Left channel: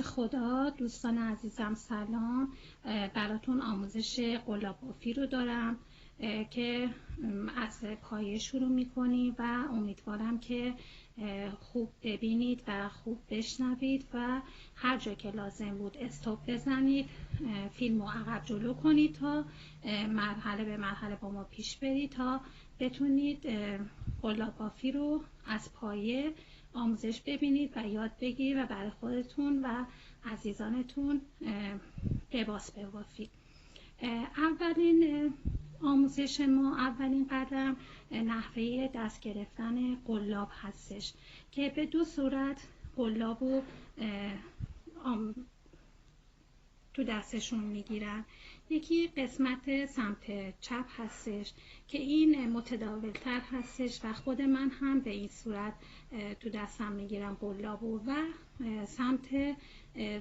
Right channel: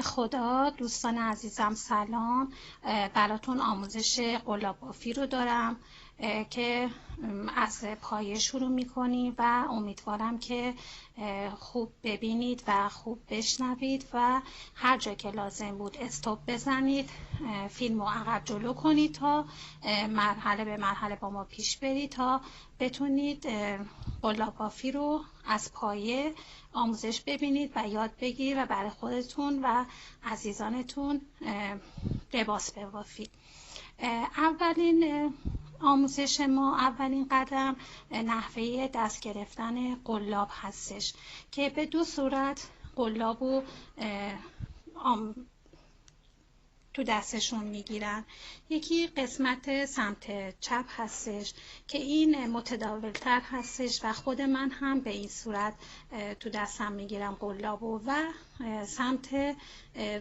نام خدا. دوستان عزیزم سلام. براتون آموزش قلاب بافی رو دارم که از پایه شروع میکنیم و امیدوارم که خوب ببینید و خوب بشنوید و هر جا که لازم بود استاپ بزنید، فیلم رو عقب جلو کنید تا مرحله به مرحله با ما پیش برید تا بتونید قلاب بافی رو از پایه آموزش ببینید و یاد بگیرید و برای خودتون و عزیزانتون لباس ببافید. اولین آموزش ما، اولین قدم نحوه دست گرفتن قلاب هستش که به دو صورت قلاب رو تو دستشون میگیرن. یکی قسمت سمت چپ هستش که این متداولتر هستش و خود من هم به این صورت تو دستم میگیرم قلابو و سمت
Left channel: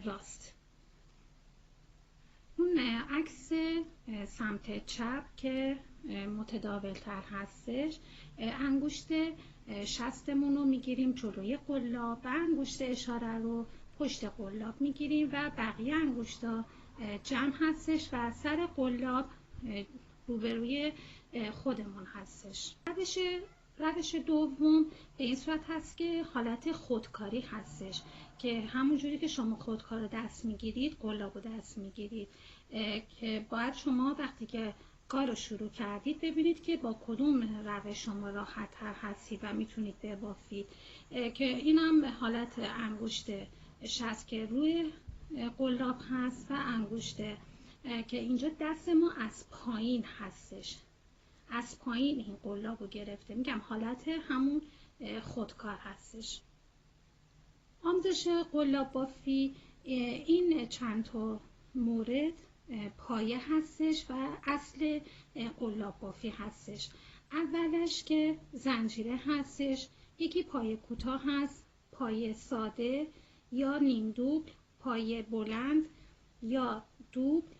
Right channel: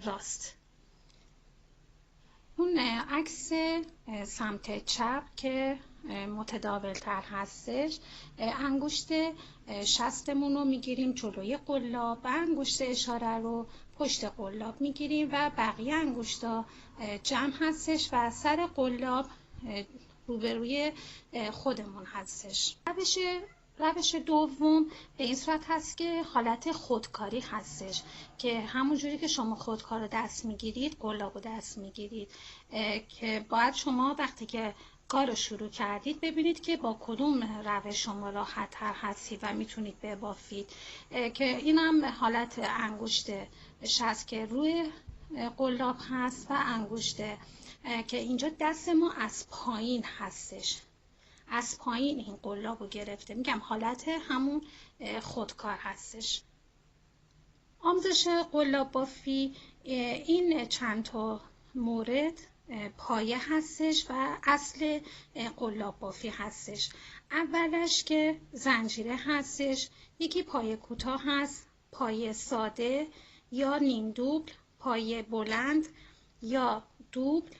راست. اون عکس سمت چپ که متداولتر هستش، انگشت شستمون رو میگیریم جلوی قلاب و انگشت اشاره رو پشت قلاب میگیریم و بقیه انگشتا جمع هستش و سر قلاب روبروی خودمون هستش. روش دوم به این صورت هست که حالت خودکاری هستش که همونجوری که شما خودکار رو دست میگیرید قلاب رو دست میگیرید، که باید شما وقتی که کار رو شروع کردید ببینید که با کدوم روش شما راحت تر هستید و میتونید ببافید، که اینم حالت انگشت شست که روی قلاب هست و انگشت که اینجا دست ما از پایین هستش، از پایین این قلاب رو گرفته. میگم حالت همون خودکار هستش. آموزش قلاب بافی این چند تا مورد پایه هستش و اصل قلاب بافی هستش. اولش که زنجیره هستش، یکی پایه کوتاه هست، پایه ساده یا نیم دوبل، پایه بلند یا دوبل،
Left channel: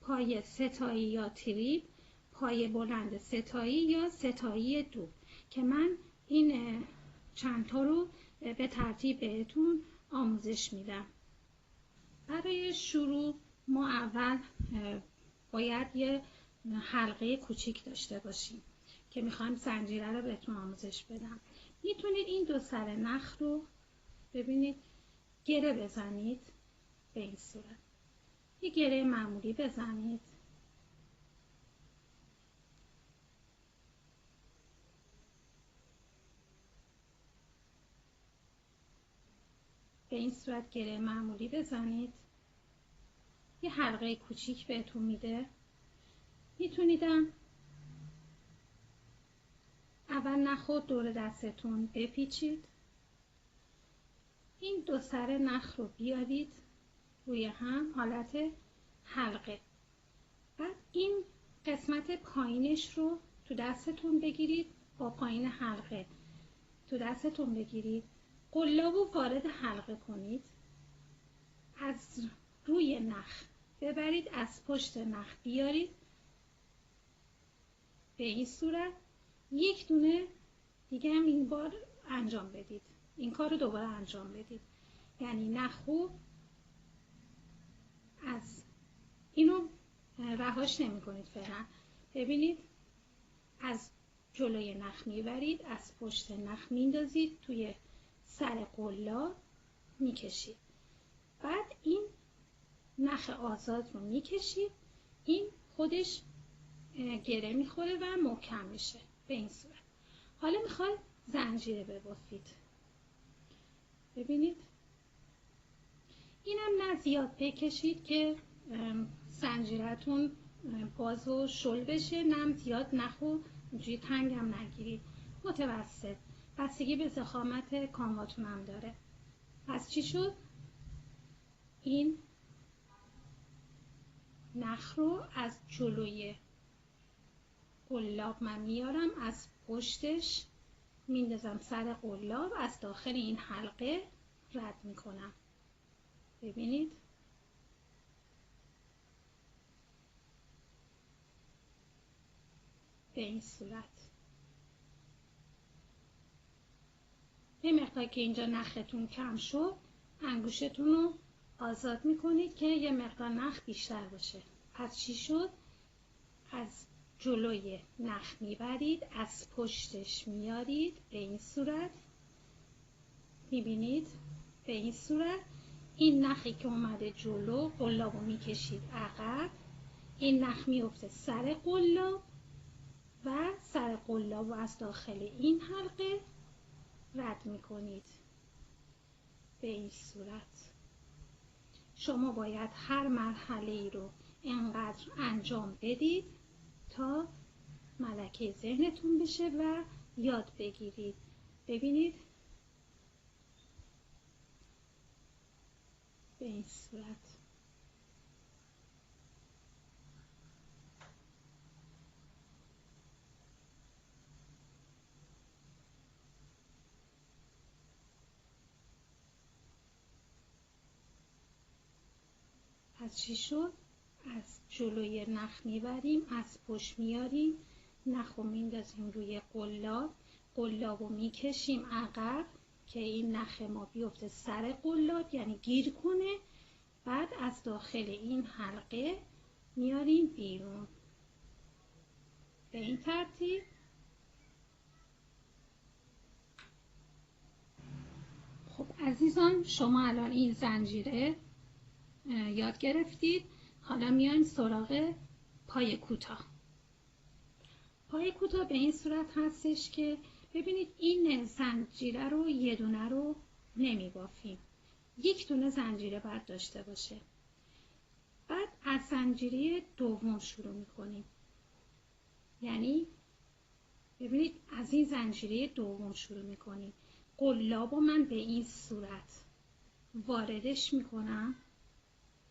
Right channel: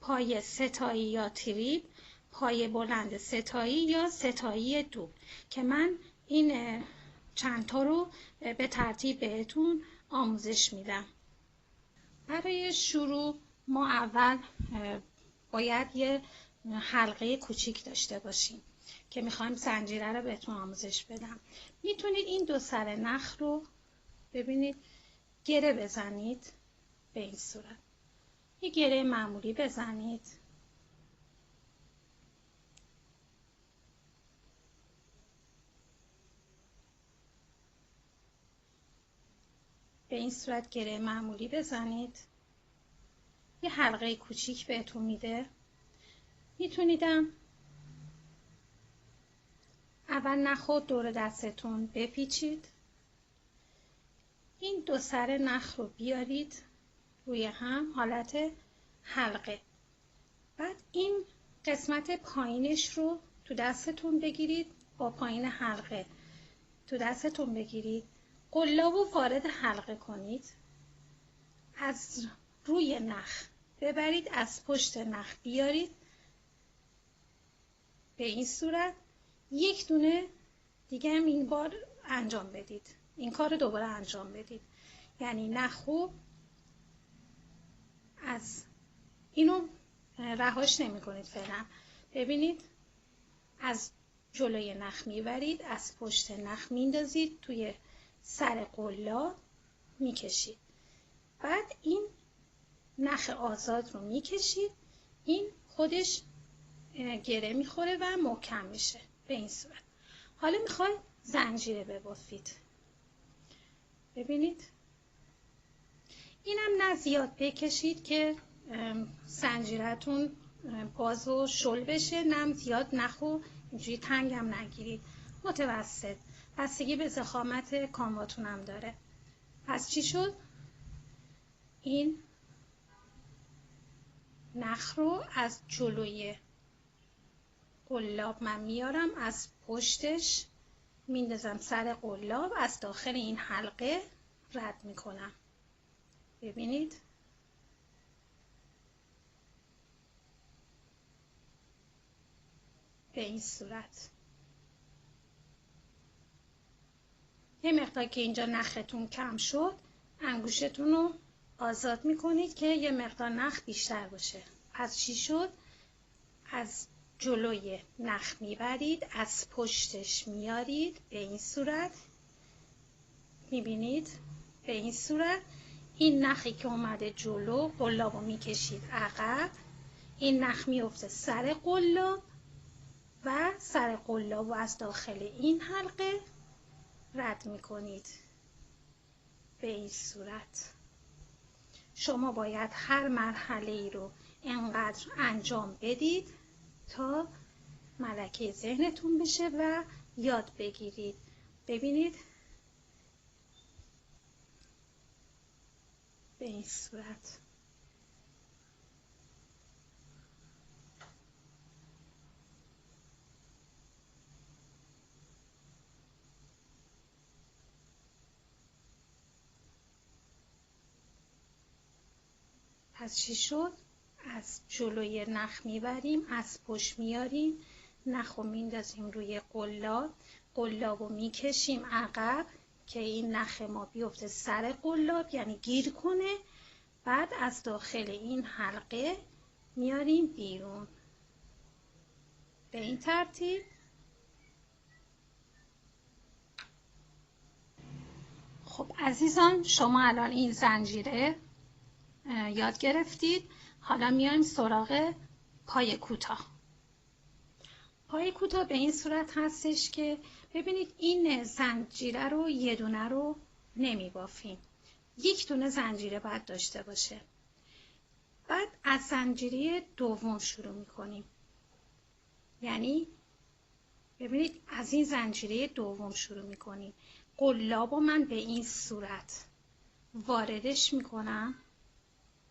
پایه ستایی یا تریپ، پایه بلند ستایی یا ستایی دوبل، که من این چند تا رو به ترتیب بهتون آموزش میدم. برای شروع ما اول باید یه حلقه کوچیک داشته باشیم که میخوایم زنجیره رو بهتون آموزش بدم. میتونید این دو سر نخ رو ببینید گره بزنید، به این صورت یه گره معمولی بزنید. به این صورت گره معمولی بزنید، یه حلقه کوچیک بهتون میده. میتونیدم اول نخ رو دور دستتون بپیچید، این دو سر نخ رو بیارید روی هم حالت حلقه، بعد این قسمت پایینش رو تو دستتون بگیرید، با پایین حلقه تو دستتون بگیرید، قلاب رو وارد حلقه کنید، از روی نخ ببرید، از پشت نخ بیارید به این صورت. یک دونه دیگه هم این بار انجام بدید، این کار رو دوباره انجام بدید، یعنی نخو از اینو رهاش نمی کنید فعلا. ببینید از جلوی نخ میبرید، از پشت نخ میندازید توی سر قلاب میکشید، بعد این نخ آزاد رو میکشید، این خودش گره میخوره و محکم میشه به این صورت. حالا میخواید زنجیره ببافید. ببینید اینم نه زیاد بکشید که زنجیرتون باز و شل بشه، نه زیاد نخو اینجوری تنگم نگیرید، متوسط، بستگی به ضخامت کامواتون هم داره. پس چی شد؟ این نخ رو از جلوی قلاب من میارم، از پشتش میندازم سر قلاب، از داخل این حلقه رد میکنم. ببینید به این صورت. یه مقدار که اینجا نختون کم شد، انگوشتون رو آزاد میکنید که یه مقدار نخ بیشتر باشه. پس چی شد؟ از جلوی نخ میبرید، از پشتش میارید به این صورت. میبینید؟ به این صورت. این نخی که اومده جلو، قلابو میکشید عقب، این نخ میفته سر قلاب و سر قلابو از داخل این حلقه رد میکنید به این صورت. شما باید هر مرحله ای رو انقدر انجام بدید تا ملکه ذهنتون بشه و یاد بگیرید. ببینید به این صورت. پس چی شد؟ از جلوی نخ میبریم، از پشت میاریم، نخ رو میندازیم روی قلاب، قلاب رو میکشیم عقب که این نخ ما بیفته سر قلاب، یعنی گیر کنه. بعد از داخل این حلقه میاریم بیرون به این ترتیب. خب عزیزان، شما الان این زنجیره یاد گرفتید. حالا میایم سراغ پای کوتاه. پای کوتاه به این صورت هستش که ببینید این زنجیره رو یه دونه رو نمی بافیم، یک دونه زنجیره باید داشته باشه. بعد از زنجیره دوم شروع میکنیم، یعنی ببینید از این زنجیره دوم شروع میکنیم. قلاب رو من به این صورت واردش میکنم.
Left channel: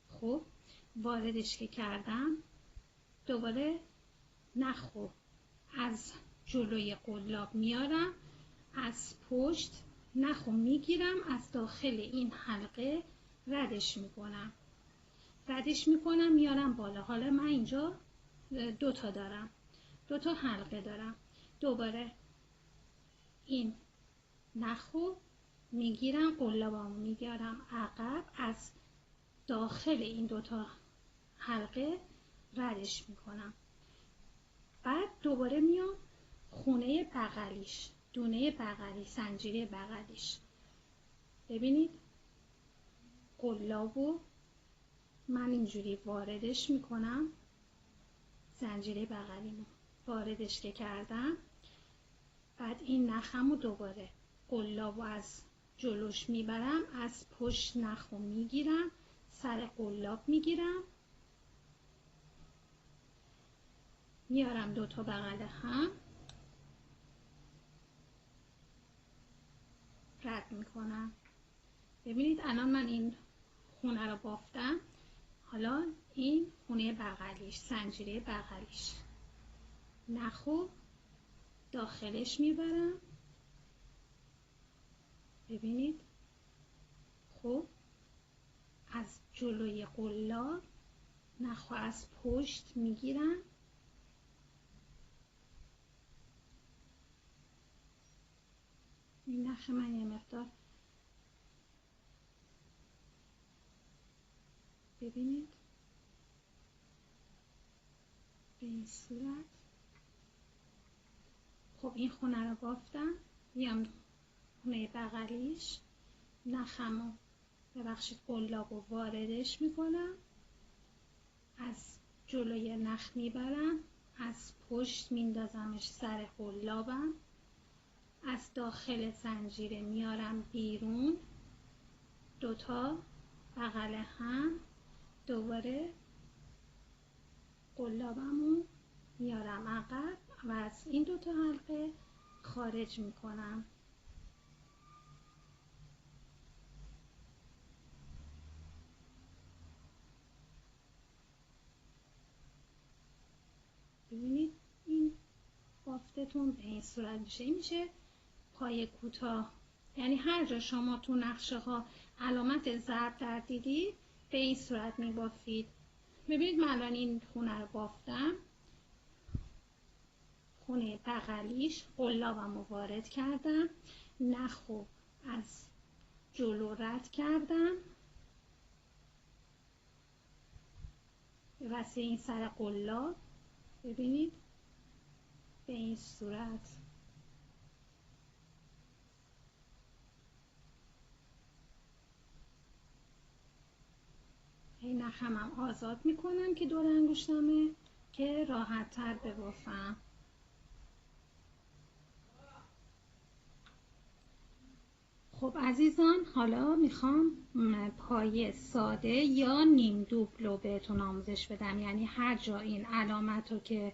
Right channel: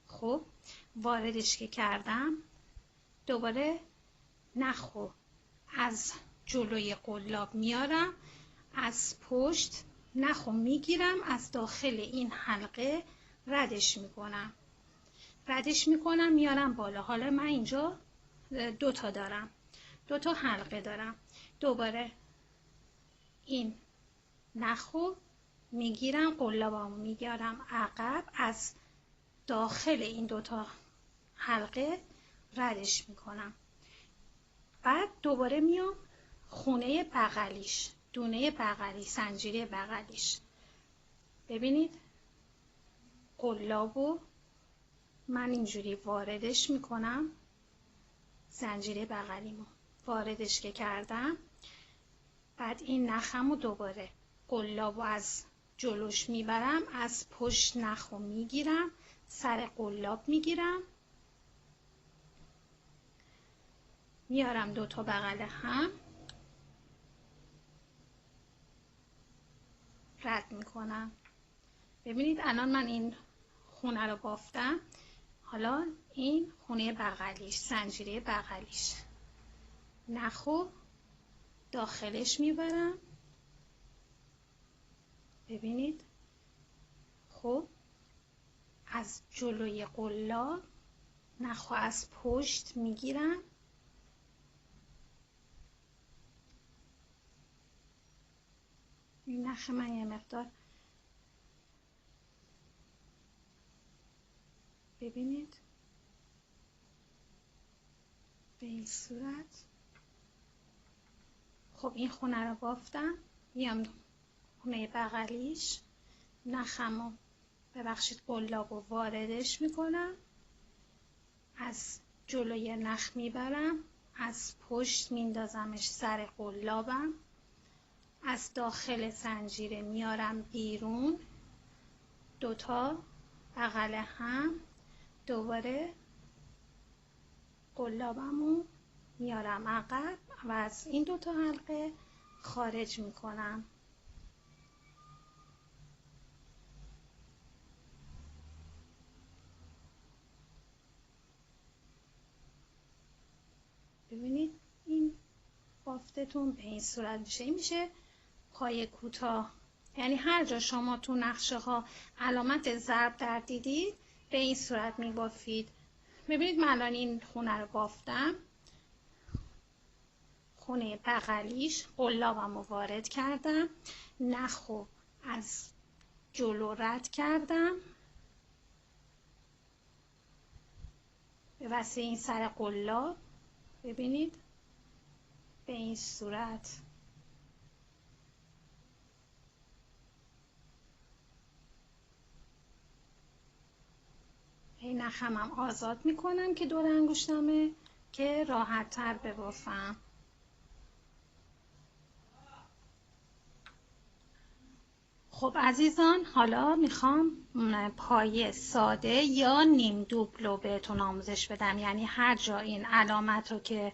خب واردش که کردم، دوباره نخو از جلوی قلاب میارم، از پشت نخو میگیرم، از داخل این حلقه ردش میکنم میارم بالا. حالا من اینجا دوتا دارم، دوتا حلقه دارم. دوباره این نخو میگیرم، قلابمو میگیرم عقب، از داخل این دوتا حلقه ردش میکنم. بعد دوباره میام خونه بغلیش، دونه بغلی، زنجیره بغلیش. ببینید قلابو من اینجوری واردش میکنم، زنجیره بغلیمو واردش که کردم، بعد این نخمو دوباره قلابو از جلوش میبرم، از پشت نخو میگیرم، سر قلاب میگیرم، میارم دوتا بغل هم رد میکنم. ببینید الان من این خونه رو بافتم. حالا این خونه بغلیش، زنجیره بغلیش، نخو داخلش میبرم. ببینید خب از جلوی قلاب نخو از پشت میگیرم، این نخ من یه مقدار ببینید به این صورت. خب این خونه رو بافتم، میام خونه بغلیش، نخمو ببخشید قلابو واردش میکنم، از جلوی نخ میبرم، از پشت میندازمش سر قلابم، از داخل زنجیره میارم بیرون، دوتا بغل هم، دوباره قلابمو میارم عقب و از این دوتا حلقه خارج میکنم. ببینید این بافتتون به این صورت میشه پای کوتاه. یعنی هر جا شما تو نقشه ها علامت ضرب در دیدید به این صورت میبافید. ببینید من الان این خونه رو بافتم، خونه بغلیش قلابم رو وارد کردم، نخو از جلو رد کردم، به وسیله این سر قلاب ببینید به این صورت نخم هم آزاد میکنم که دور انگشتمه که راحت تر ببافم. خب عزیزان، حالا میخوام پایه ساده یا نیم دوبل رو بهتون آموزش بدم، یعنی هر جا این علامت رو که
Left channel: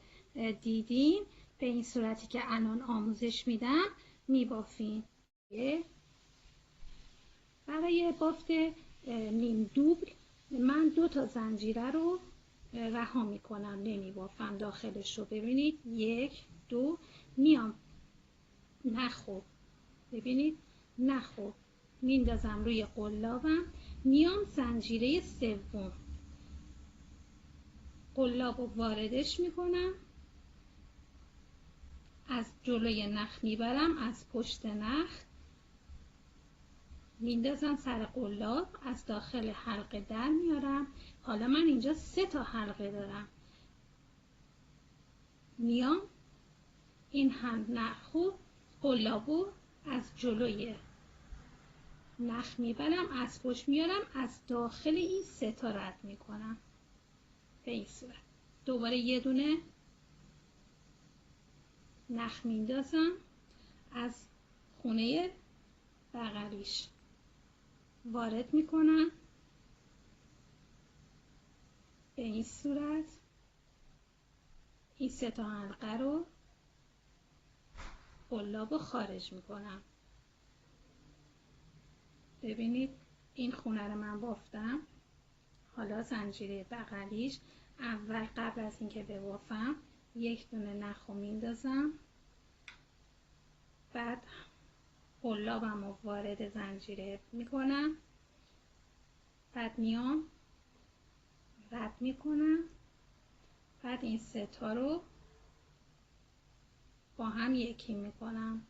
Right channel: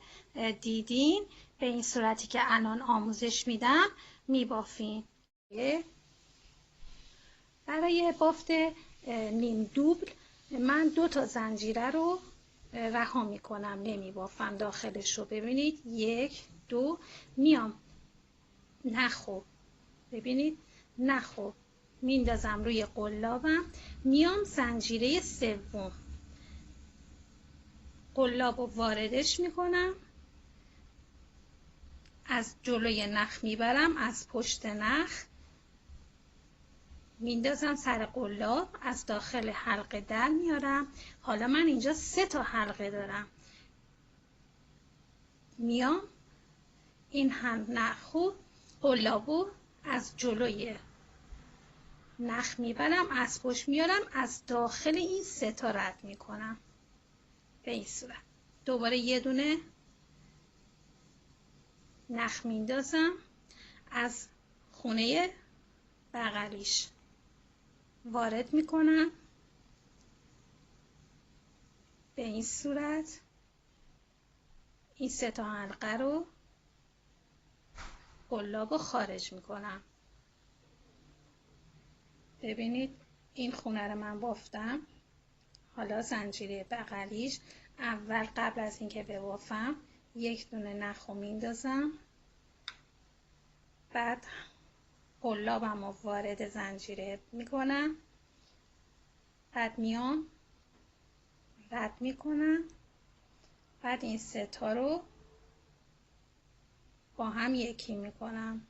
دیدین به این صورتی که الان آموزش میدم میبافین. برای بافت نیم دوبل من 2 تا زنجیره رو رها میکنم، نمیبافم داخلش رو. ببینید 1 2 میام نخو، ببینید نخو میندازم روی قلابم، میام زنجیره سوم قلاب رو واردش میکنم، از جلوی نخ میبرم، از پشت نخ میندازم سر قلاب، از داخل حلقه در میارم. حالا من اینجا 3 تا حلقه دارم، میام این هم نخو قلابو از جلوی نخ میبرم، از پشت میارم، از داخل این 3 تا رد میکنم به این صورت. دوباره یه دونه نخ میندازم، از خونه بغلیش وارد میکنم به این صورت. این 3 تا حلقه رو قلاب رو خارج میکنم. ببینید این خونه رو من بافتم. حالا زنجیره بغلیش اول قبل از اینکه ببافم 1 دونه نخ رو میندازم، بعد قلابم رو وارد زنجیره میکنم، بعد میام رد میکنم، بعد این 3 تا رو با هم یکی میکنم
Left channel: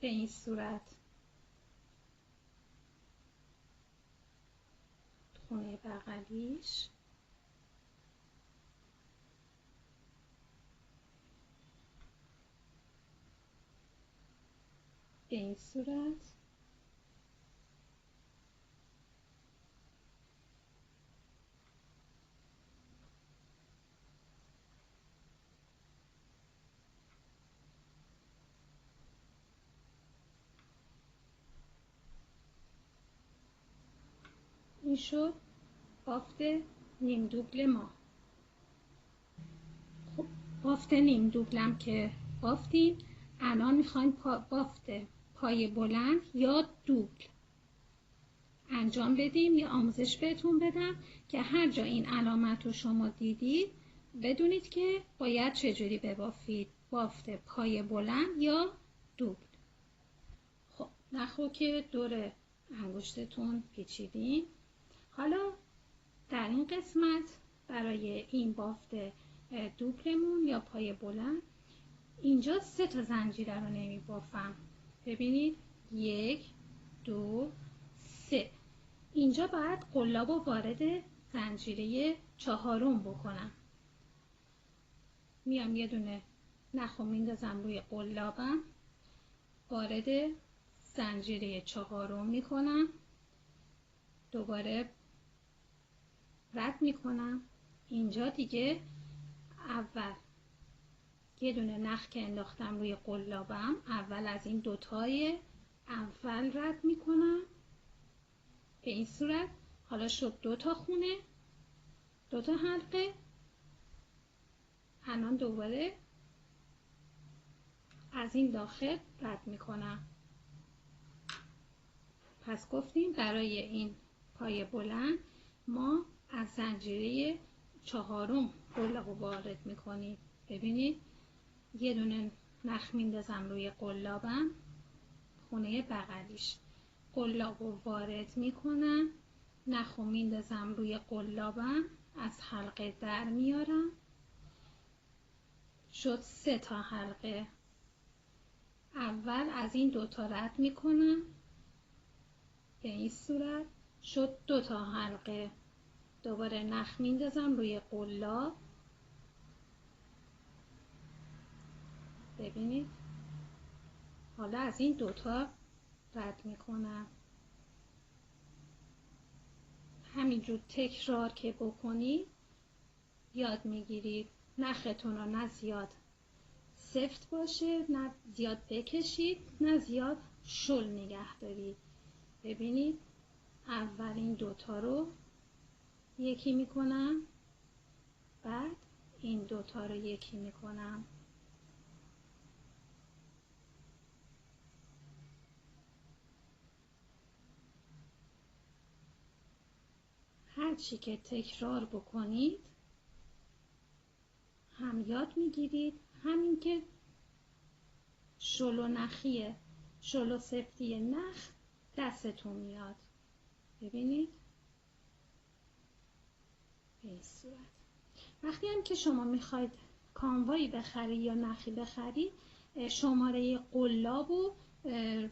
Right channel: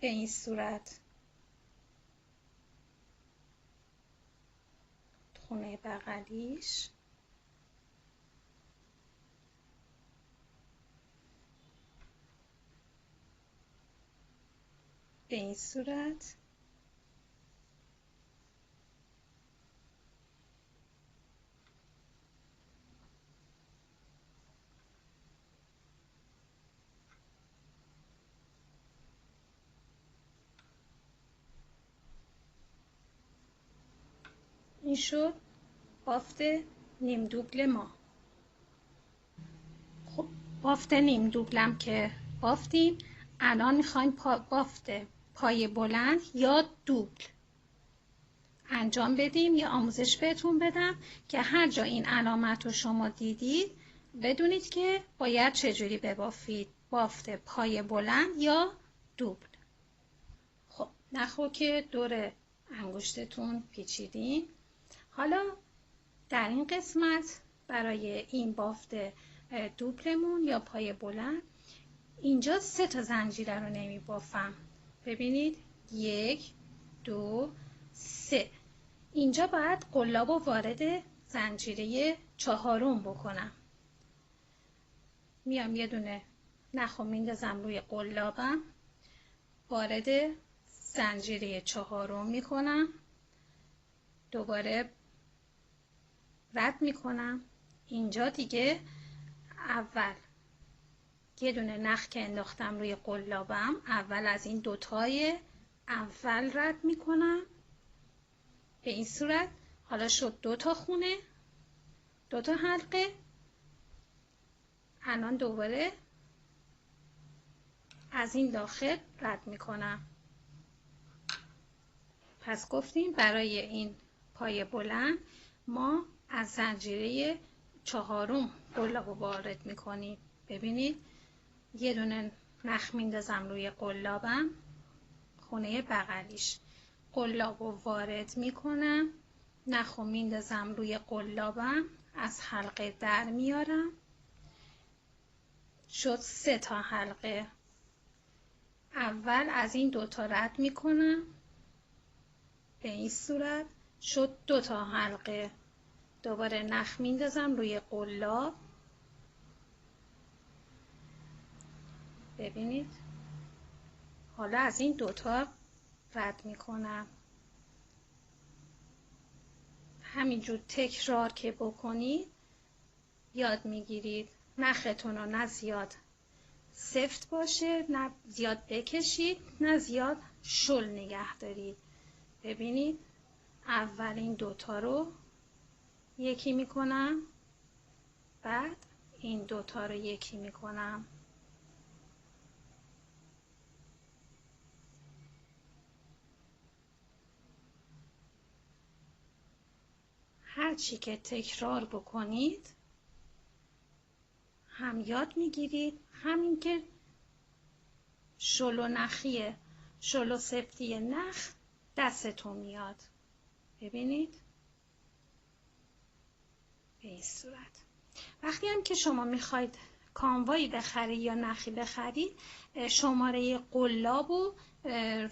به این صورت. خونه بغلیش به این صورت. این شد بافت نیم دوبل ما. خب بافت نیم دوبلم که بافتیم، الان میخوایم بافت پای بلند یا دوبل انجام بدیم. یا آموزش بهتون بدم که هر جا این علامت رو شما دیدید بدونید که باید چجوری ببافید، بافت پای بلند یا دوبل. خب نخو که دور انگشتتون پیچیدین. حالا در این قسمت برای این بافت دوبلمون یا پای بلند اینجا 3 تا زنجیره رو نمی بافم. ببینید 1 2 3. اینجا باید قلاب رو وارد زنجیره 4م بکنم. میام یه دونه نخ رو میندازم روی قلابم، وارد زنجیره 4م میکنم، دوباره رد میکنم. اینجا دیگه اول یه دونه نخ که انداختم روی قلابم، اول از این 2 تای اول رد میکنم به این صورت. حالا شد 2 تا خونه، 2 تا حلقه. الان دوباره از این داخل رد میکنم. پس گفتیم برای این پای بلند ما از زنجیره 4م قلاب وارد میکنیم. ببینید یه دونه نخ میندازم روی قلابم، خونه بغلیش قلاب رو وارد میکنم، نخ رو میندازم روی قلابم، از حلقه در میارم، شد 3 تا حلقه. اول از این 2 تا رد میکنم به این صورت، شد 2 تا حلقه. دوباره نخ میندازم روی قلاب. ببینید حالا از این دوتا رد میکنم. همینجور تکرار که بکنید یاد میگیرید. نختون رو نه زیاد سفت باشه، نه زیاد بکشید، نه زیاد شل نگه دارید. ببینید اول این دوتا رو یکی میکنم، بعد این دوتا رو یکی میکنم. هرچی که تکرار بکنید هم یاد میگیرید، همین که شل و نخیه، شل و سفتی نخ دستتون میاد. ببینید به این صورت. وقتی هم که شما میخواید کانوایی بخرید یا نخی بخرید، شماره قلابو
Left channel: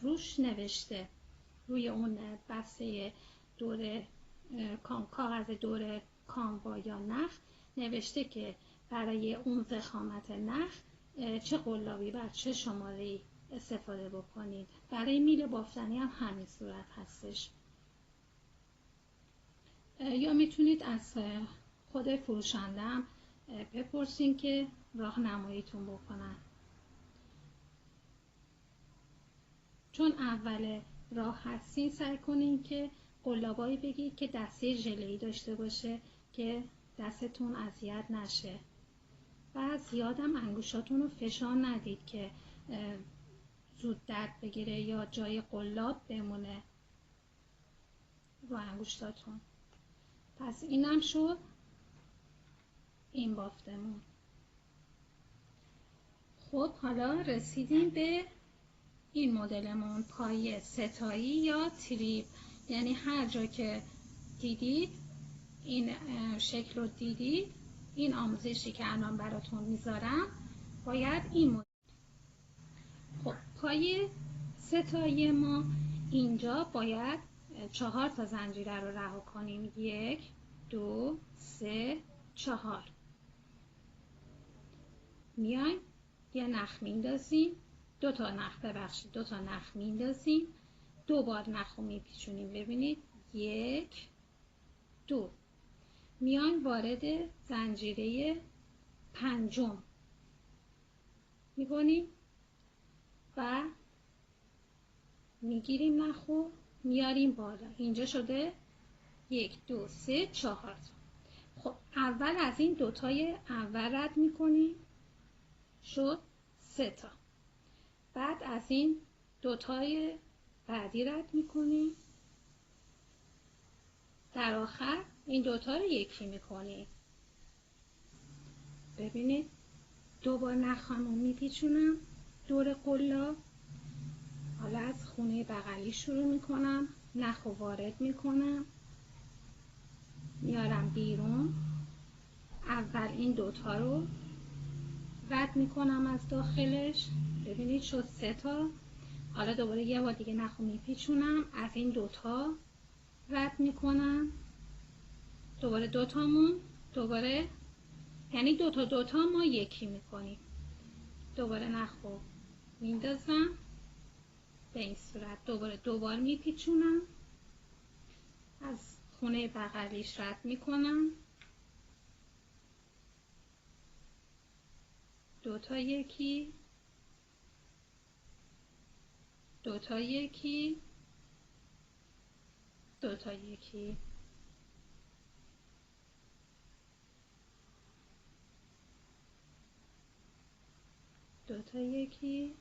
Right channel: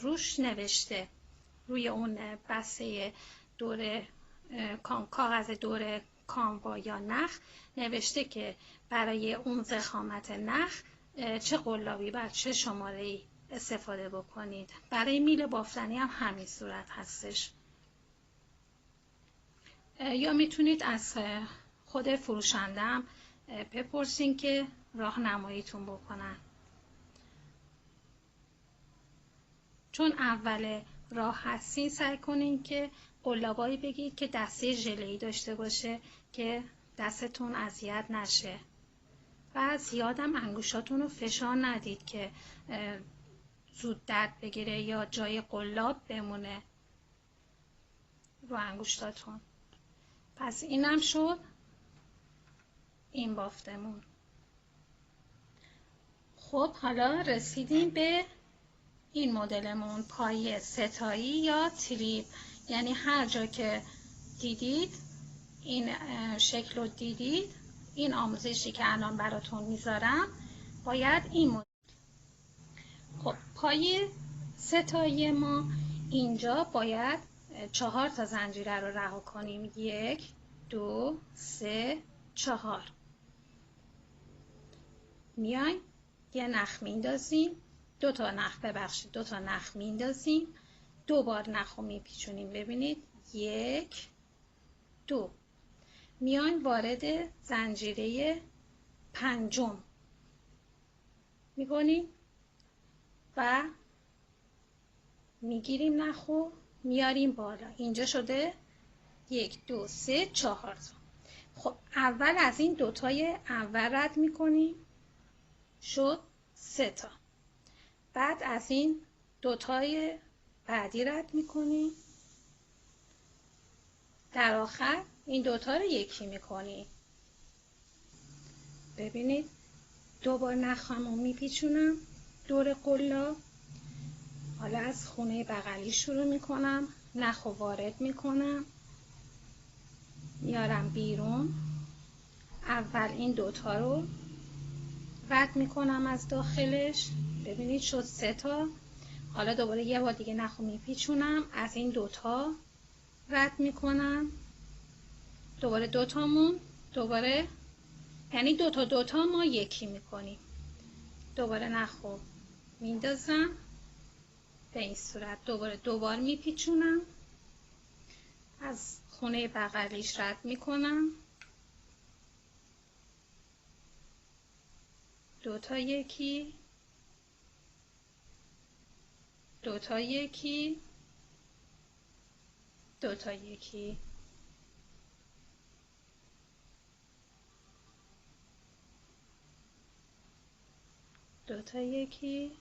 روش نوشته، روی اون بسته دور کاغذ دور کانوا یا نخ نوشته که برای اون ضخامت نخ چه قلابی بر چه شماره‌ای استفاده بکنید. برای میل بافتنی هم همین صورت هستش. یا میتونید از خود فروشنده هم بپرسین که راهنماییتون بکنن. چون اول راه هستین سعی کنین که قلابایی بگید که دسته ژله‌ای داشته باشه که دستتون اذیت نشه. و زیادم انگشتاتون رو فشار ندید که زود درد بگیره یا جای قلاب بمونه رو انگشتاتون. پس اینم شد این بافتمون. خب حالا رسیدیم به این مدلمون، پایه ستایی یا تریپ. یعنی هر جا که دیدید این شکل رو دیدید، این آموزشی که الان براتون میذارم باید این مدل. خب پایه ستایی ما اینجا باید 4 تا زنجیره رو رها کنیم. 1 2 3 4. میایم یه نخ میندازیم، دو تا نخ میندازیم، 2 بار نخ رو میپیچونیم. ببینید 1 2. میایم وارد زنجیره پنجم میکنیم و میگیریم نخ رو میاریم بالا. اینجا شده 1 2 3 4. خب اول از این دوتای اول رد میکنیم، شد 3 تا. بعد از این دوتای بعدی رد میکنیم، در آخر این دوتا رو یکی میکنیم. ببینید 2 بار نخامو میپیچونم دور قلاب. حالا از خونه بغلی شروع میکنم، نخ رو وارد میکنم، میارم بیرون. اول این دوتا رو رد میکنم از داخلش. ببینید شد 3 تا. حالا دوباره یه بار دیگه نخ رو میپیچونم، از این دوتا رد میکنم، دوباره دوتامون دوباره، یعنی دوتا ما یکی میکنیم. دوباره نخ رو میندازم به این صورت، دوباره 2 بار میپیچونم، از خونه بغلیش رد میکنم، دوتا یکی، دوتا یکی، دوتا یکی. دوتا یکی،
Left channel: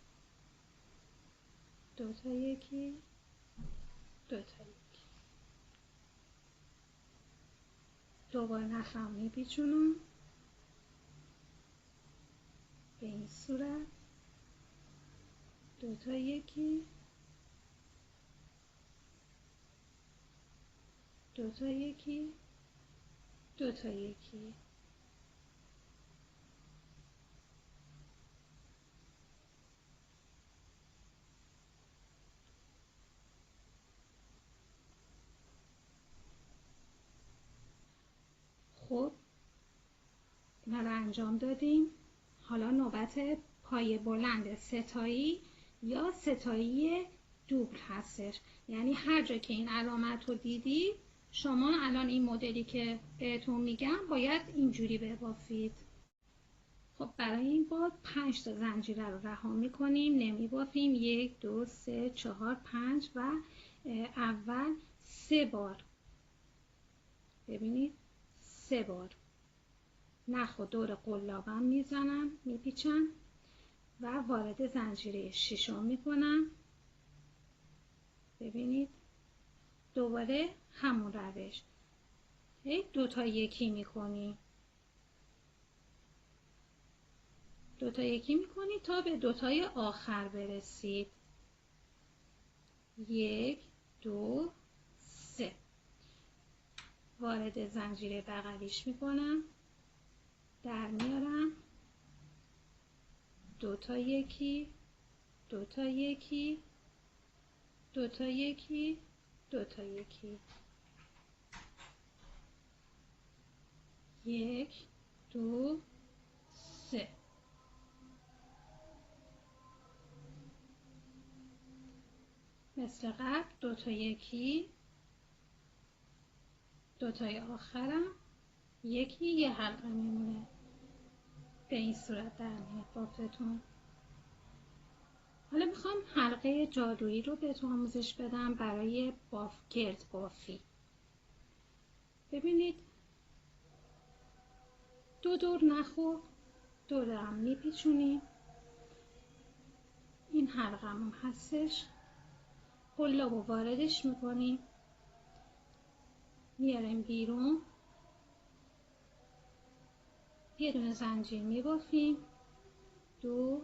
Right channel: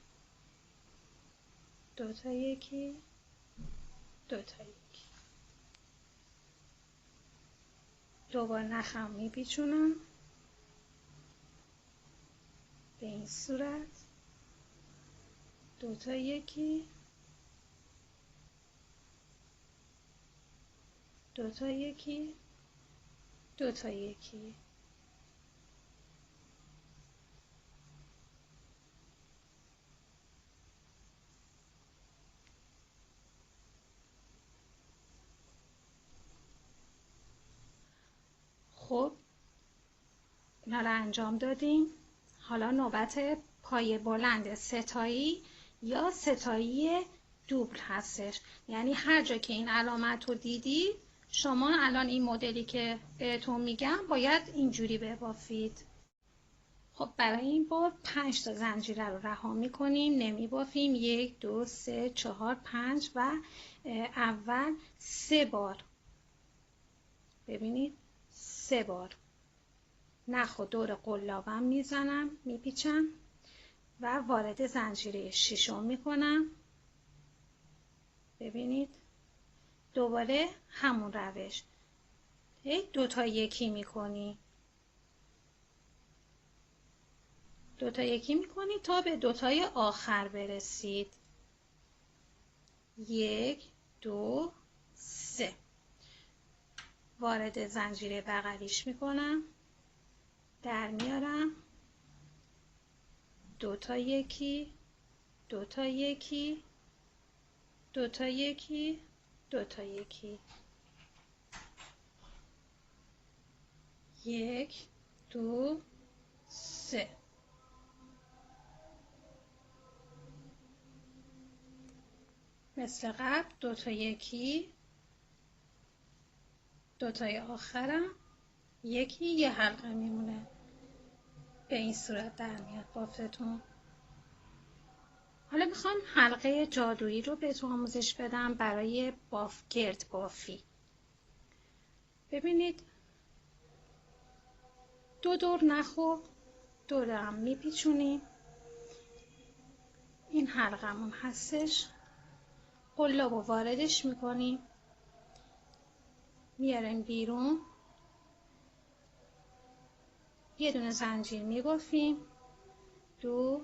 دوتا یکی، دوتا یکی. 2 بار نخم میپیچونم به این صورت، دوتا یکی، دوتا یکی، دوتا یکی. اینا رو انجام دادیم. حالا نوبت پای بلند ستایی یا ستایی دوبل هستش. یعنی هر جا که این علامت رو دیدید شما الان این مدلی که بهتون میگم باید اینجوری ببافید. خب برای این بار 5 تا زنجیره رو رها میکنیم، نمیبافیم. 1 2 3 4 5 و اول 3 بار، ببینید 3 بار نخ و دور قلابم میزنم، میپیچم و وارد زنجیره ششم میکنم. ببینید دوباره همون روش، دو تا یکی میکنی، دو تا یکی میکنی تا به دو تای آخر برسید. 1 2 3 وارد زنجیره بغلیش میکنم، در میارم، دو تا یکی، دو تا یکی، دو تا یکی، دو تا یکی، 1 2 3 مثل قبل دو تا یکی، دو تای آخرم یکی، یه حلقه میمونه. به این صورت در میاد بافتتون. حالا میخوام حلقه جادویی رو بهتون آموزش بدم برای گرد بافی. ببینید دو دور نخو دورم میپیچونیم. این حلقمون هستش، قلاب رو واردش میکنیم، میاریم بیرون، یه دونه زنجیر میبافیم، 2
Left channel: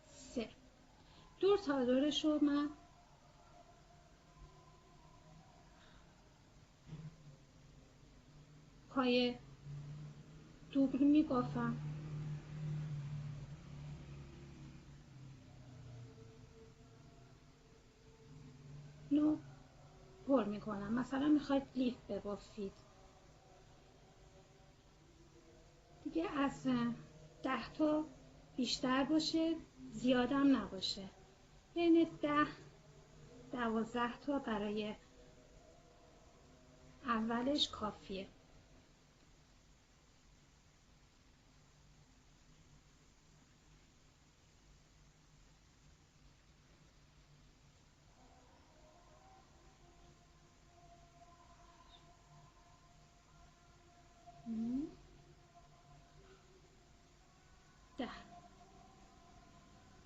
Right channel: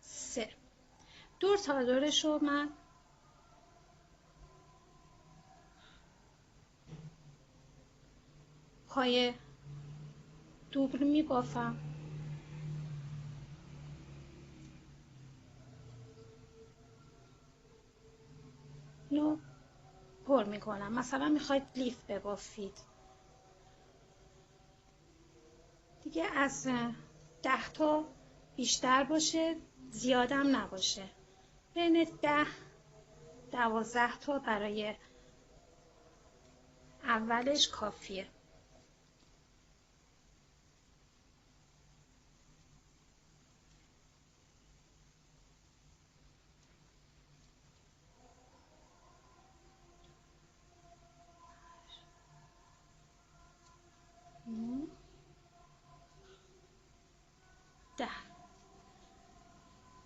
3 دور تا دورش رو من پای دوبل میبافم. اینو پر میکنم. مثلا میخواید لیف ببافید دیگه، از 10 تا بیشتر باشه، زیادم نباشه، بین 10 12 تا برای اولش کافیه.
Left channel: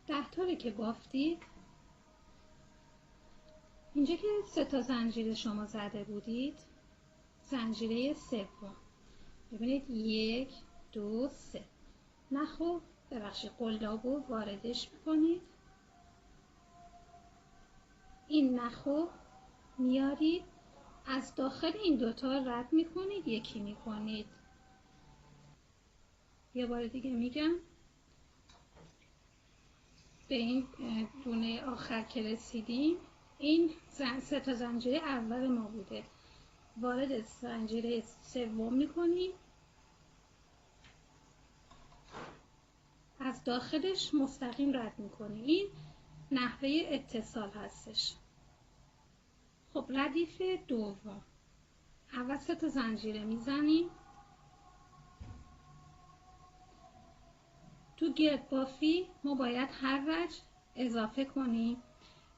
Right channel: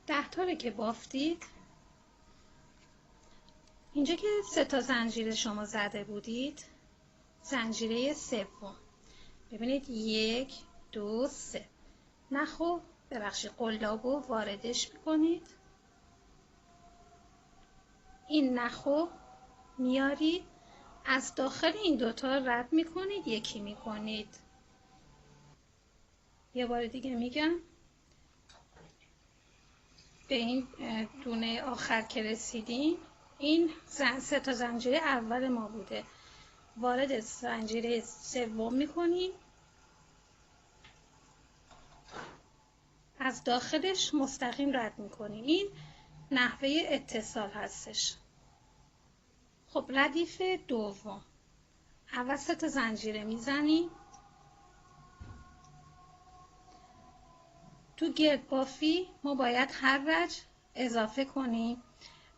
ده تا رو که بافتید، اینجا که 3 تا زنجیره شما زده بودید، زنجیره سوم ببینید 1 2 3 نخو ببخشید قلابو واردش میکنید، این نخو میارید از داخل این دوتا رد میکنید، یکی میکنید. یه بار دیگه میگم، به این دونه آخر که رسیدیم، این 3 تا زنجیره اول ما بوده، وارد زنجیره سوم میکنیم، از داخلش مستقیم رد میکنیم. این نحوه اتصال هستش. خب ردیف دوم، اول 3 تا زنجیره میزنیم. تو گرد بافی ما باید هر رج اضافه کنیم.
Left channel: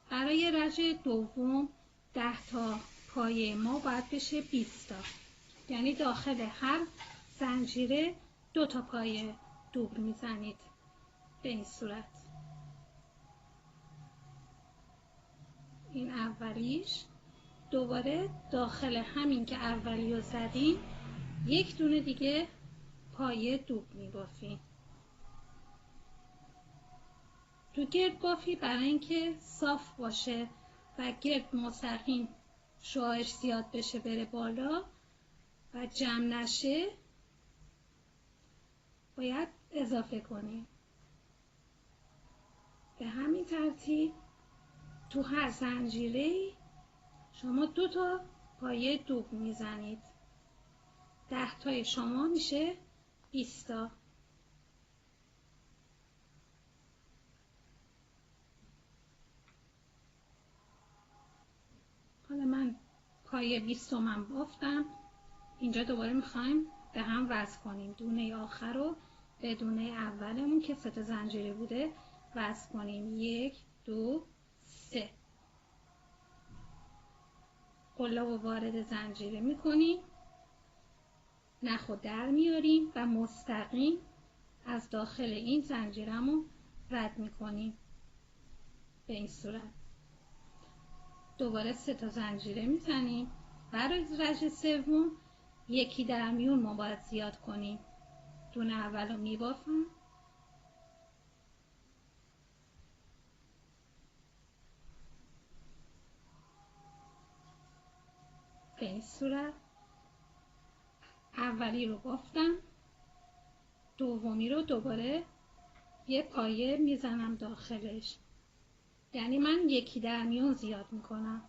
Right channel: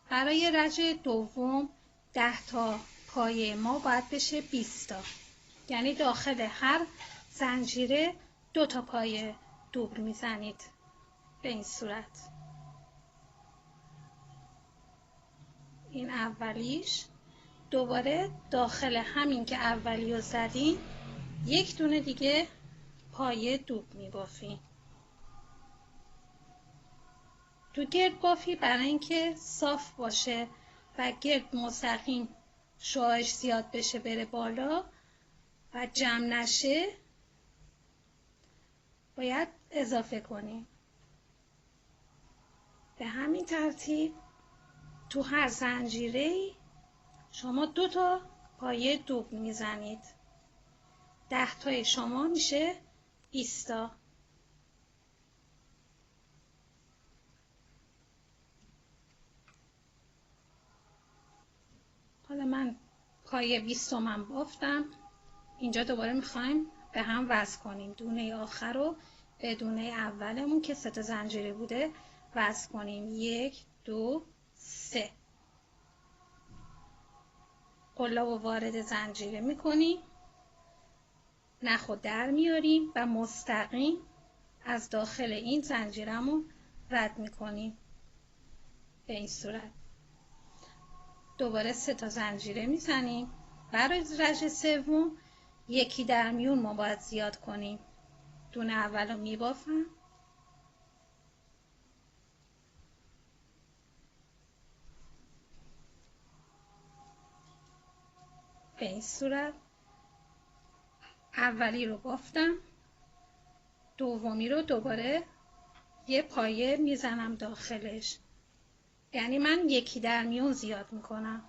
برای رج دوم 10 تا پایه ما باید بشه 20 تا، یعنی داخل هر زنجیره 2 تا پایه دوبل میزنید به این صورت. این اولیش، دوباره داخل همین که اولی رو زدیم یک دونه دیگه پایه دوبل میبافیم. تو گرد بافی برای اینکه صاف باشه و گرد مستقیم شعاعش زیاد بشه بره بالا و جمع نشه، باید اضافه کنیم. به همین ترتیب تو هر زنجیره شما 2 تا پایه دوبل میزنید. 10 تای شما میشه 20 تا. حالا من پای 20 تومن بافتم. اینجا دوباره میخوایم به هم وصل کنیم. دونه آخر رو به دونه اولمون که 3 تا زنجیره بوده وصل کنیم. 1 2 3. قلاب وارد زنجیره میکنیم، نخو در میاریم و مستقیم از داخل این زنجیرمون رد میکنیم به این صورت. دوباره 3 تا زنجیره میزنیم. برای رژه سوم یکی در میون ما باید زیاد کنیم. دونه اول رو میبافم، به این صورت. اولی رو بافتم، دومی رو دوباره یه پایه میزنم داخلش، یعنی من یکی در میون زیاد میکنم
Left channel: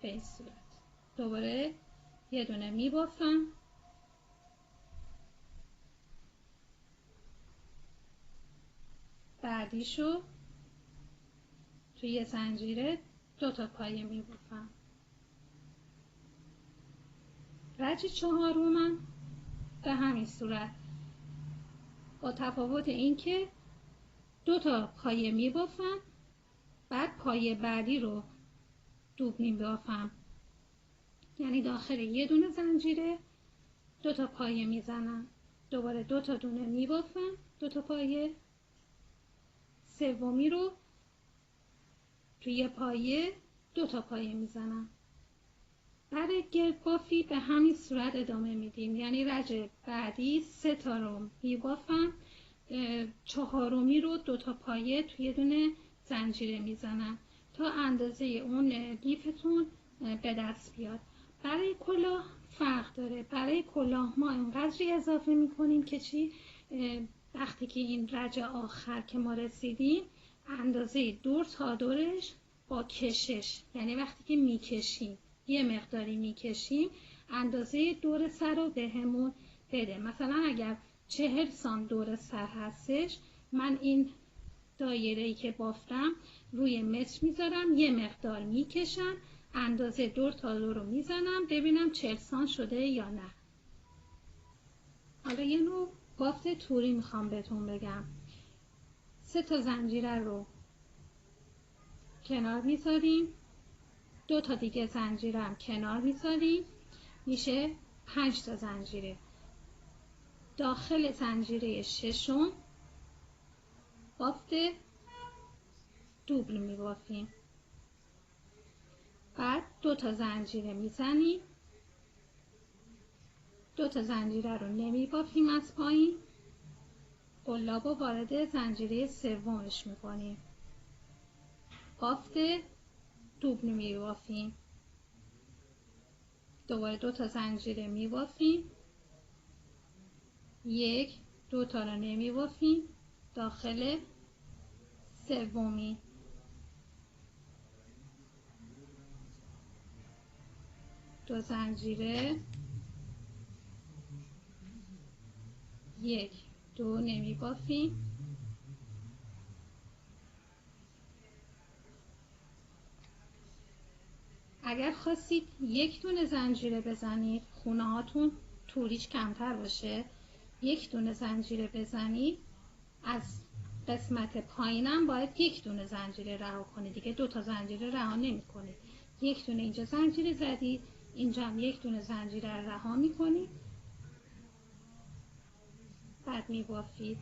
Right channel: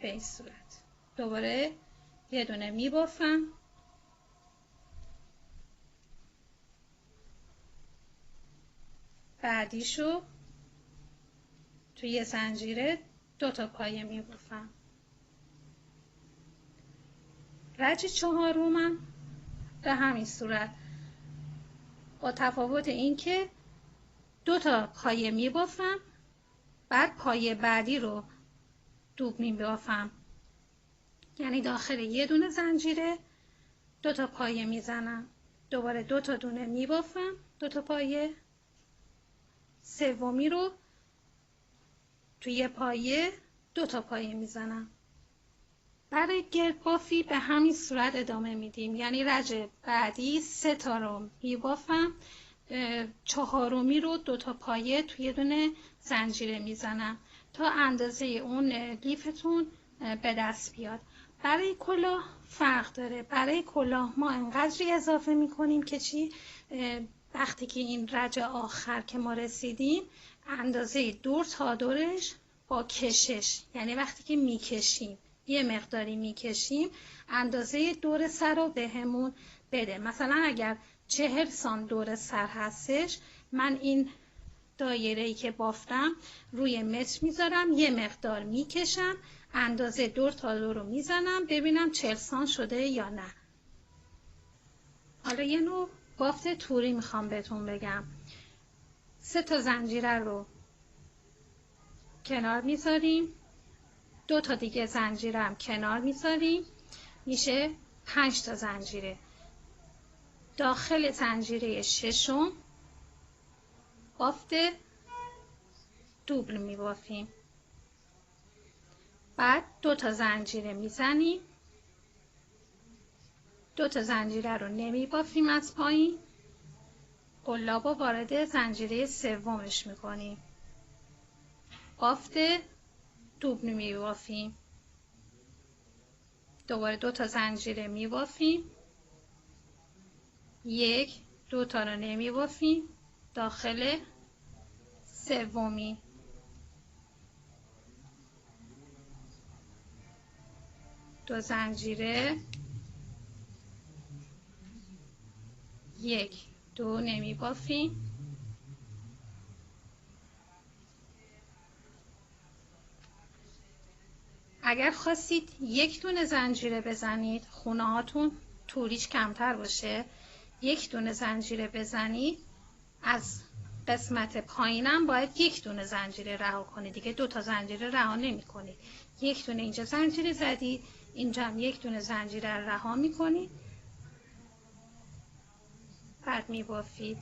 به این صورت. دوباره یه دونه میبافم، بعدیشو توی زنجیره 2 تا پایه میبافم. رج چهارمم به همین صورت، با تفاوت این که 2 تا پایه میبافم، بعد پایه بعدی رو دوب میبافم، یعنی داخل یه دونه زنجیره 2 تا پایه میزنم، دوباره 2 تا دونه میبافم، 2 تا پایه، سومی رو توی پایه 2 تا پایه میزنم. برای گردبافی به همین صورت ادامه میدیم، یعنی رج بعدی 3 تا رو میبافم، چهارمی رو 2 تا پایه توی دونه زنجیره میزنم تا اندازه اون لیفتون به دست بیاد. برای کلاه فرق داره. برای کلاه ما انقدری اضافه میکنیم که چی؟ وقتی که این رج آخر که ما رسیدیم اندازه دور تا دورش با کشش، یعنی وقتی که میکشیم یه مقداری میکشیم اندازه دور سر رو بهمون بده. مثلا اگر 40 سانت دور سر هستش، من این دایره‌ای که بافتم روی متر میذارم، یه مقدار میکشم، اندازه دور تا دور رو میزنم ببینم 40 سانت شده یا نه. حالا یه نوع بافت توری میخوام بهتون بگم. 3 تا زنجیره رو کنار میذاریم، 2 تا دیگه زنجیره هم کنار میذاریم، میشه 5 تا زنجیره. داخل زنجیره ششم بافت دوبل میبافیم، بعد 2 تا زنجیره میزنیم، 2 تا زنجیره رو نمیبافیم از پایین، قلاب رو وارد زنجیره سومش میکنیم، بافت دوبل میبافیم، دوباره 2 تا زنجیره میبافیم، 1 2 تا رو نمیبافیم، داخل سومی، دو زنجیره، 1 2 نمیبافیم، اگر خواستید 1 دونه زنجیره بزنید، خونه هاتون توریش کمتر باشه، 1 دونه زنجیره بزنید، از قسمت پایینم باید 1 دونه زنجیره رها کنید دیگه، 2 تا زنجیره رها نمی کنید. 1 دونه اینجا زنجیره زدید، اینجا هم 1 دونه زنجیره رها می کنید، بعد می بافید.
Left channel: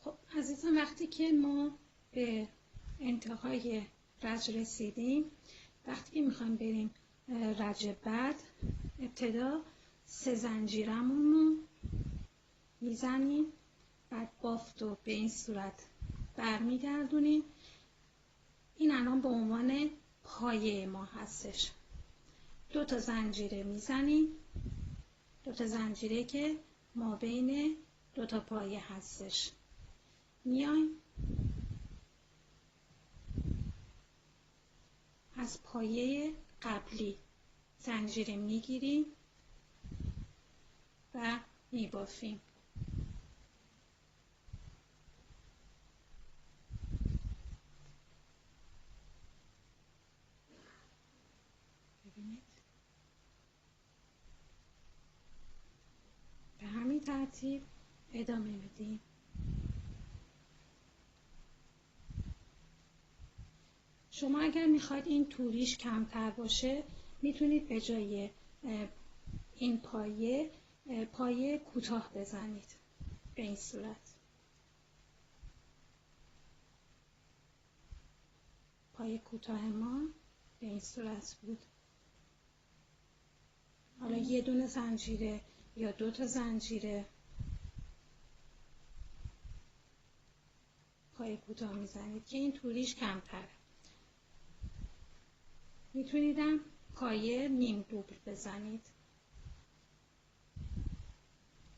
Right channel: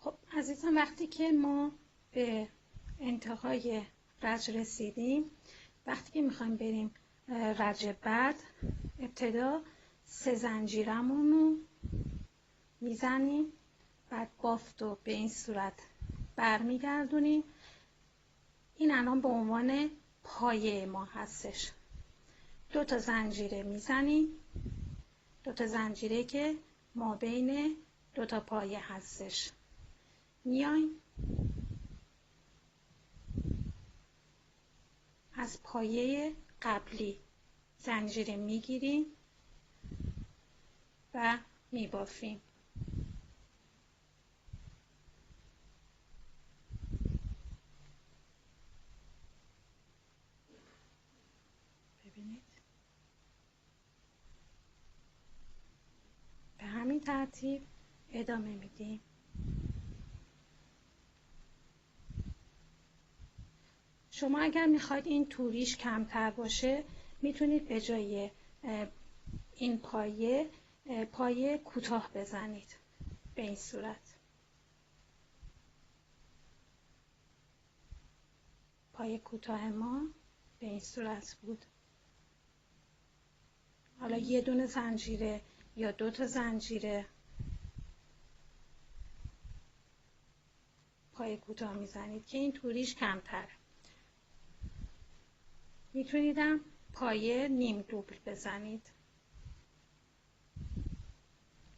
خب عزیزان، وقتی که ما به انتهای رج رسیدیم، وقتی که میخوایم بریم رج بعد، ابتدا 3 زنجیرمون رو میزنیم، بعد بافت رو به این صورت برمیگردونیم. این الان به عنوان پایه ما هستش. 2 تا زنجیره میزنیم، 2 تا زنجیره که ما بین 2 تا پایه هستش، میایم از پایه قبلی زنجیر میگیریم و میبافیم. ببینید به همین ترتیب ادامه میدیم. شما اگر میخواید این توریش کمتر باشه میتونید به جای این پایه کوتاه بزنید. به این صورت پایه کوتاه ما به این صورت بود. حالا یه دونه زنجیره یا 2 تا زنجیره پایه کوتاه میزنید که این توریش کمتره. میتونیدم پایه نیم دوبل بزنید.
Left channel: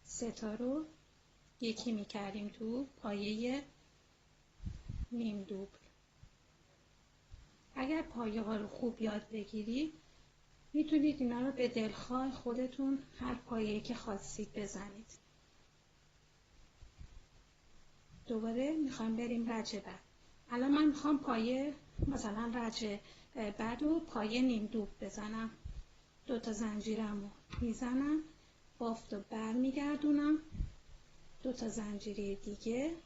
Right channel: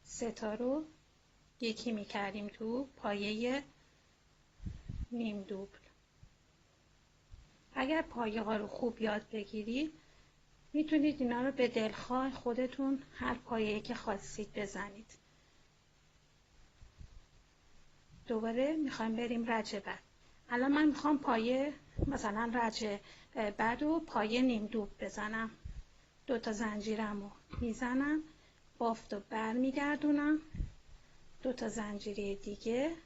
3 تا رو یکی میکردیم تو پایه نیم دوبل. اگر پایه ها رو خوب یاد بگیرید میتونید اینا رو به دلخواه خودتون هر پایه‌ای که خواستید بزنید. دوباره میخوایم بریم رج بعد. الان من میخوام پایه مثلا رج بعد و پایه نیم دوبل بزنم. 2 تا زنجیرم رو میزنم، بافت رو بر میگردونم، 2 تا زنجیره دیگه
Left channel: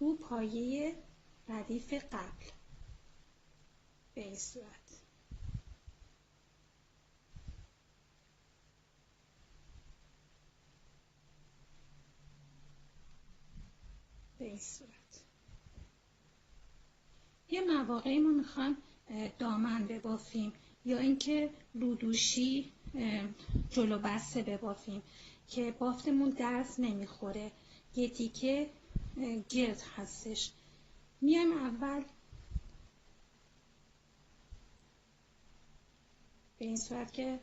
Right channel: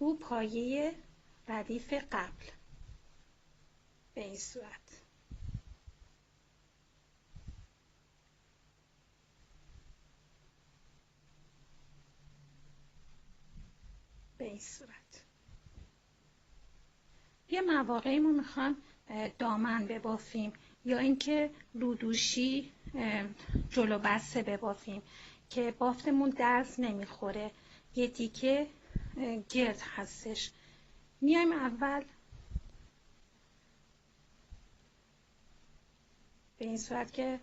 رو پایه ردیف قبل به این صورت. به این صورت. یه مواقعی ما میخوام دامن ببافیم یا اینکه رودوشی جلو بسته ببافیم که بافتمون درز نمیخوره، یه دیگه گرد هستش. میایم اول به این صورت که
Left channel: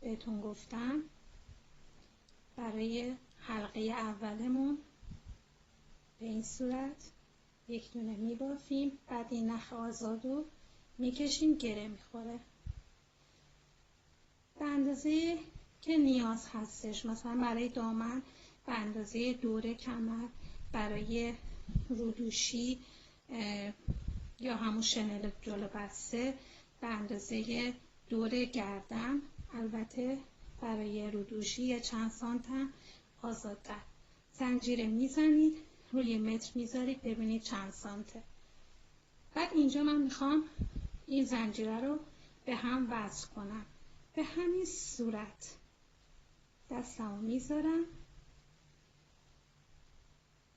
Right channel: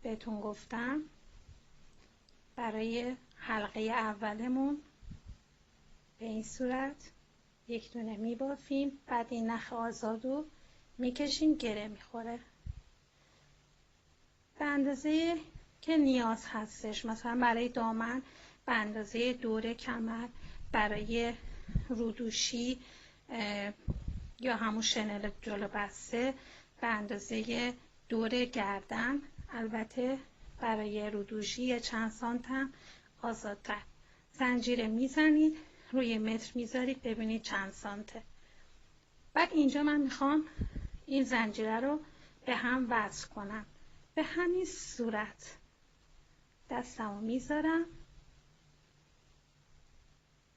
بهتون گفتم برای حلقه اولمون به این صورت یک دونه میبافیم، بعد این نخ آزاد رو میکشیم، گره میخوره به اندازه که نیاز هستش. مثلا برای دامن به اندازه دور کمر، برای رودوشی یا همون شنل جلو بسته به اندازه دور گردن. البته برای رودوشی چند سانتم آزادتر. زنجیره میزنید، روی متر میذارید ببینید چند سانته. بعد اینجا من میخوام این زنجیره رو به هم وصل کنم. به همین صورت دستمو میذارم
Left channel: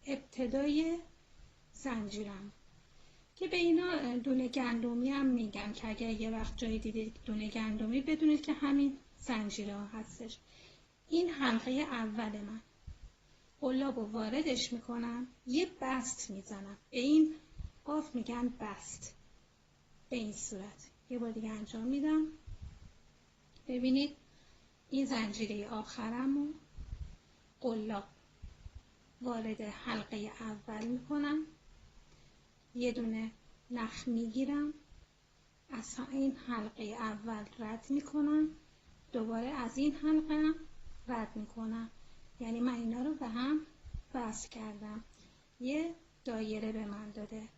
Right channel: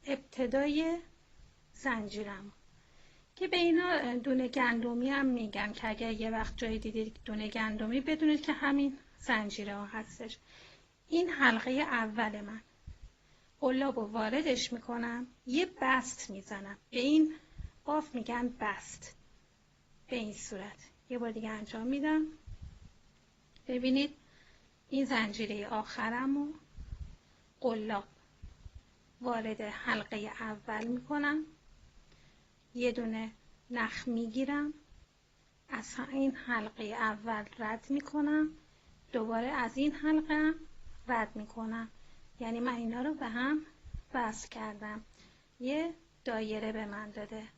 ابتدای زنجیرم که به اینا دونه گندمی هم میگن که اگر یه وقت جایی دیدید دونه گندمی بدونید که همین زنجیره ها هستش. این حلقه اول من قلاب رو واردش میکنم، یه بست میزنم. به این باف میگن بست. به این صورت یه بار دیگه انجام میدم. ببینید این زنجیره آخرم رو قلاب وارد حلقه اول میکنم، یه دونه نخ میگیرم، از این حلقه اول رد میکنم، دوباره از این حلقه رد میکنم. یعنی من اینا رو به هم وصل کردم، یه دایره به من داده.